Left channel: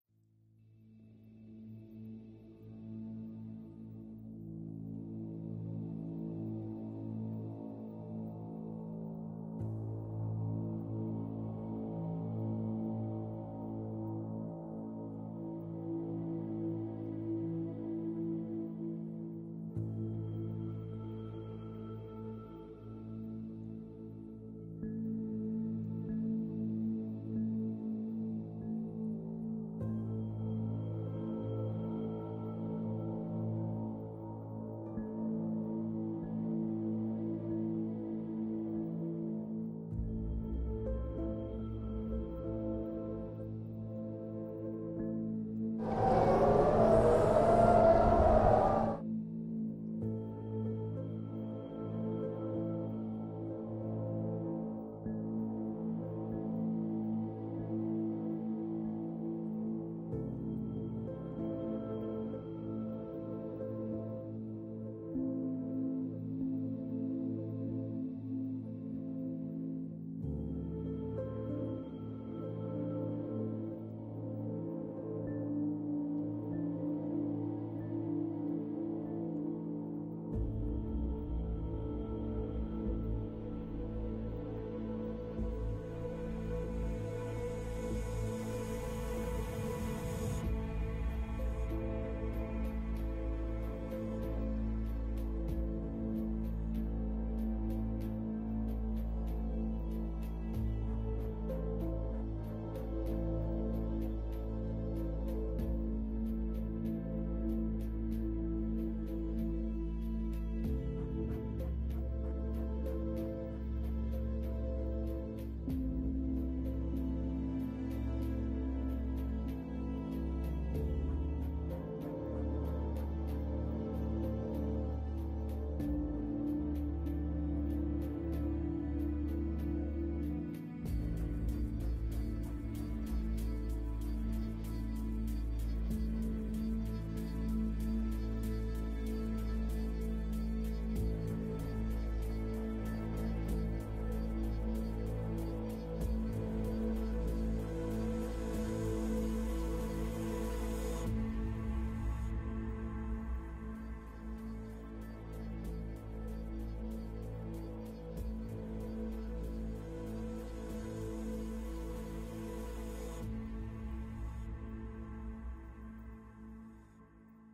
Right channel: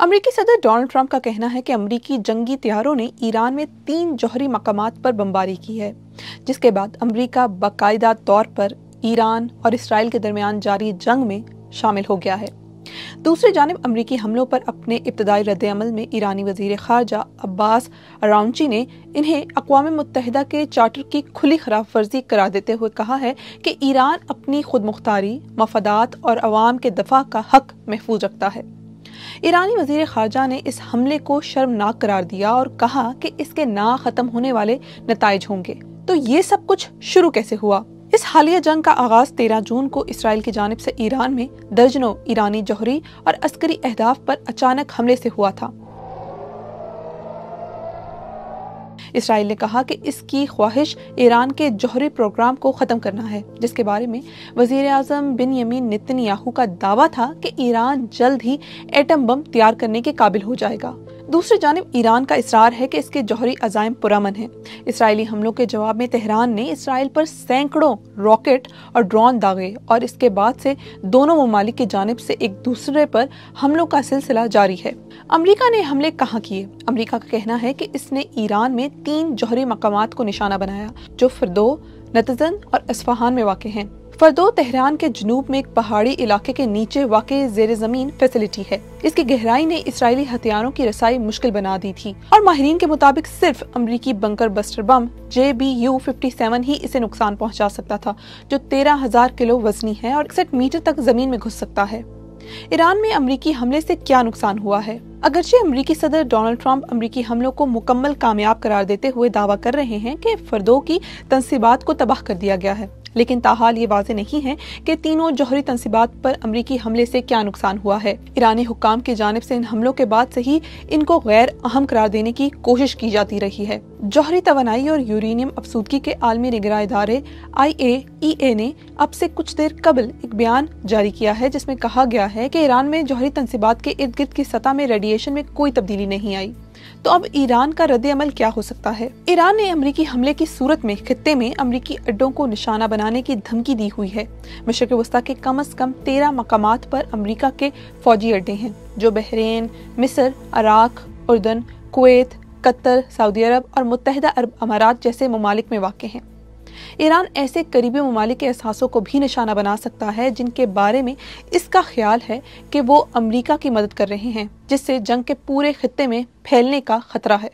अमरीकी सदर Donald Trump का कहना है कि अमरीकी जंगी तैयारों ने ईरान में 3 जौहरी मकामात पर बमबारी की है, जिसके बाद अमरीका बाकायदा तौर पर ईरान और इसराइल के दरमियान जारी जंग में शामिल हो गया है। दूसरी जानिब अमरीकी हमलों पर अपने इब्तदाई रद्द-ए-अमल में ईरानी वज़ीर ख़ारजा अब्बास अराग़ची ने इन्हें अक़वाम मुत्तहिदा के चार्टर की खुली खिलाफ वर्जी करार देते हुए कहा है कि ईरान अपनी खुद मुख्तारी, मफादात और अवाम के दफ़ा का हक महफूज रखता है। ईरानी वज़ीर ख़ारजा ने इस हमले को शर्मनाक करार दिया और कहा कि इसके ना ख़त्म होने वाले नताइज होंगे। तो ये सब कुछ शुरू कैसे हुआ? इस हालिया जंग का आगाज 13 जून को इसराइल की जानिब से ईरान में दर्जनों ईरानी जौहरी और अस्करी अहदाफ पर अचानक हमले से हुआ था। इसराइल ने कहा कि इसकी ख्वाहिश ईरान के जौहरी प्रोग्राम को ख़त्म करना है, जिसके बारे में वज़ीर आज़म बिन्यामीन नेतन्याहू का दावा था कि ईरान जल्द ही एटम बम तैयार करने के काबिल हो जाएगा। दूसरी जानिब ईरान का इसरार है कि इसके जौहरी अज़ाइम पुरअमन हैं। इसराइली हमलों के जवाब में तेहरान ने इसराइल पर सैकड़ों रॉकेट और ड्रोन दागे और इसके बाद से दोनों ममालिक की जानिब से एक दूसरे पर हमलों का सिलसिला जारी है। अमरीका ने हमले कहाँ किए? अमरीका का कहना है कि इसने ईरान में 3 जौहरी मकामात को निशाना बनाया, जो फर्दो, नतज़न और अस्फ़हान में वाक़ हैं। फर्दो तेहरान के जनूब में एक पहाड़ी इलाके के नीचे वाक़े ज़ेर ज़मीन फैसिलिटी है। इसकी गहराई ने इसराइली हथियारों की रसाई मुश्किल बना दी थी और माहिरीन के मुताबिक सिर्फ अमरीकी बंकर बस्टर बम JBU-57 ही इसे नुकसान पहुंचा सकता था, जो 13,000 किलो वजनी है और 61 मीटर तक जमीन में घुस सकता है। ईरान में अमरीकी हमले से क्या नुकसान हुआ है? अगरचे अमरीकी सदर डोनाल्ड ट्रंप अमरीकी हमलों को मुकम्मल कामयाब करार देते हुए दावा कर रहे हैं कि फर्दों की तंसीबात को तबाह कर दिया गया है, लेकिन ताहाल ये वाज़ेह नहीं है कि तीनों जौहरी तंसीबात पर अमरीकी हमले से क्या नुकसान हुआ है। ईरानी हुक्काम की जानिब से इन हमलों के बाद से ही इनको गैर अहम करार देने की कोशिश की जाती रही है। जौहरी तवानाई और यूरेनियम अफसूदगी के आलमी निगरां इदारे IAEA ने अब से कुछ देर कबल एक बयान जारी किया है, जिसमें कहा गया है कि ईरान में जौहरी तंसीबात के इर्द गिर्द की सतह में रेडिएशन में कोई तब्दीली नहीं आई। तो अब ईरान का रद्द-ए-अमल क्या हो सकता है? ईरान ने अमरीकी हमले की सूरत में खित्ते में अमरीकी अड्डों को निशाना बनाने की धमकी दी हुई है। मशरिक़ वस्ता के कम से कम 13 मकामात पर अमरीका के फौजी अड्डे हैं, जो बहरीन, मिस्र, इराक, उर्दन, कुवैत, कतर, सऊदी अरब और मुत्तहिदा अरब अमारात जैसे ममालिक में वाक़ हैं। ईरान ऐसे करीबी ममालिक के एहसासों को भी निशाना बना सकता है जिनके बारे में इसका ख्याल है कि वो अमरीका की मदद कर रहे हैं, जिससे जंग के पूरे खित्ते में फैलने का खतरा है।